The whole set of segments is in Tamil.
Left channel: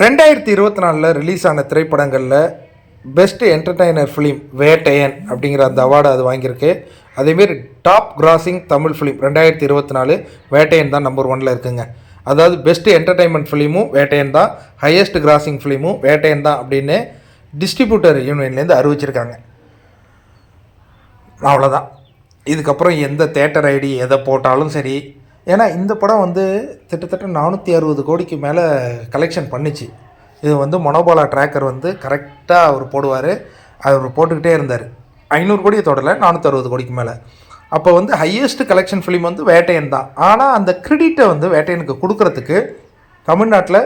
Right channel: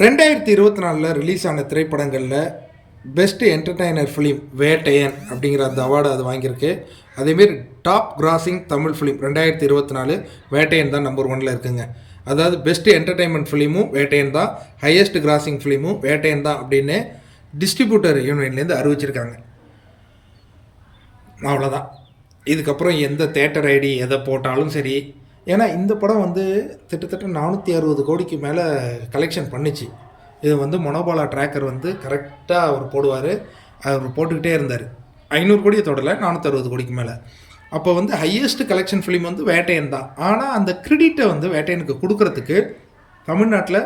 2024 ரிலீஸ் ஆன திரைப்படங்களில் பெஸ்ட் என்டர்டெய்னர் ஃபிலிம் வேட்டையன் அப்படிங்கிற அந்த அவார்டு அது வாங்கியிருக்கு. அதேமாரி top crossing Tamil film 2024 Vettaiyan தான் நம்பர் 1ல் இருக்குங்க. அதாவது பெஸ்ட் என்டர்டெயின்மெண்ட் ஃபிலிமும் வேட்டையன் தான், ஹையஸ்ட் கிராசிங் ஃபிலிமும் வேட்டையன் தான் அப்படின்னு டிஸ்ட்ரிபியூட்டர் யூனியன்லேருந்து அறிவிச்சிருக்காங்க. அவ்வளோதான். இதுக்கப்புறம் எந்த தேட்டர் ஐடி எதை போட்டாலும் சரி, ஏன்னா இந்த படம் கிட்டத்தட்ட 460 கோடிக்கு மேலே கலெக்ஷன் பண்ணிச்சு. இது மனோபாலா ட்ராக்கர் கரெக்டாக அவர் போடுவார். அவர் போட்டுக்கிட்டே இருந்தார். 500 கோடியை தொடலை, 460 கோடிக்கு மேலே. அப்போ ஹையஸ்ட் கலெக்ஷன் ஃபிலிம் வேட்டையன் தான். ஆனால் அந்த கிரெடிட்டை வேட்டையனுக்கு கொடுக்கறதுக்கு தமிழ்நாட்டில்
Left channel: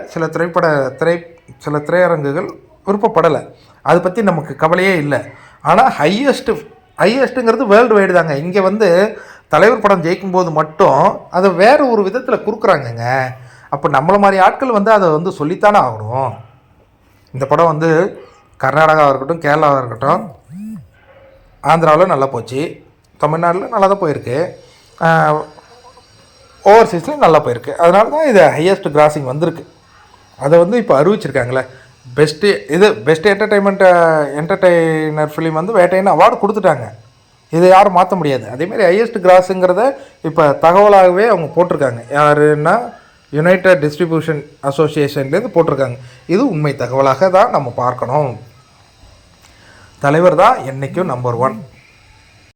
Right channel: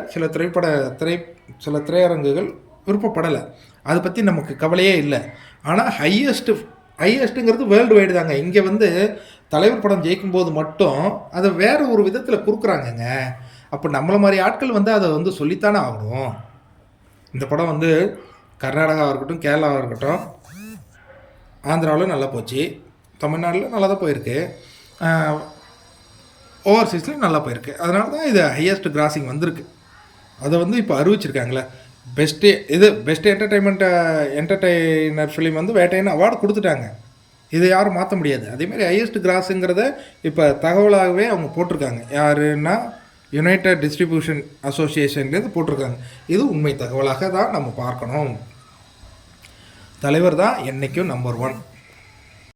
சில திரையரங்குகள் விருப்பப்படலை. அதை பற்றி நமக்கு கவலையே இல்லை. ஆனால் ஹையஸ்ட்டுங்கிறது வேர்ல்டு வைடு தாங்க. இங்கே தலைவர் படம் ஜெயிக்கும்போது மட்டும் அதை வேறு ஒரு விதத்தில் கொடுக்குறாங்கங்க. அப்போ நம்மளை மாதிரி ஆட்கள் அதை சொல்லித்தானே ஆகணும். இந்த படம் கர்நாடகாவாக இருக்கட்டும், கேரளாவாக இருக்கட்டும், ஆந்திராவில் நல்லா போச்சு, தமிழ்நாட்டில் நல்லா தான் போயிருக்கு, ஓவர்சீஸ்லேயும் நல்லா போயிருக்கு. அதனால தான் இது ஹையஸ்ட் கிராசிங் வந்திருக்கு. அதை இப்போ அறிவிச்சிருக்காங்களே. Best entertainer film Vettaiyan award கொடுத்துட்டாங்க. இதை யாரும் மாற்ற முடியாது. அதேமாதிரி ஹையஸ்ட் கிராஸுங்கிறத இப்போ தகவலாகவே அவங்க போட்டிருக்காங்க. யாருன்னா யுனைடெட் டிஸ்ட்ரிபியூஷன் அசோசியேஷன்லேருந்து போட்டிருக்காங்க. இது உண்மை தகவலாக தான் நம்ம பார்க்கணும். தலைவர் தான் என்றைக்கும் நம்பர் 1.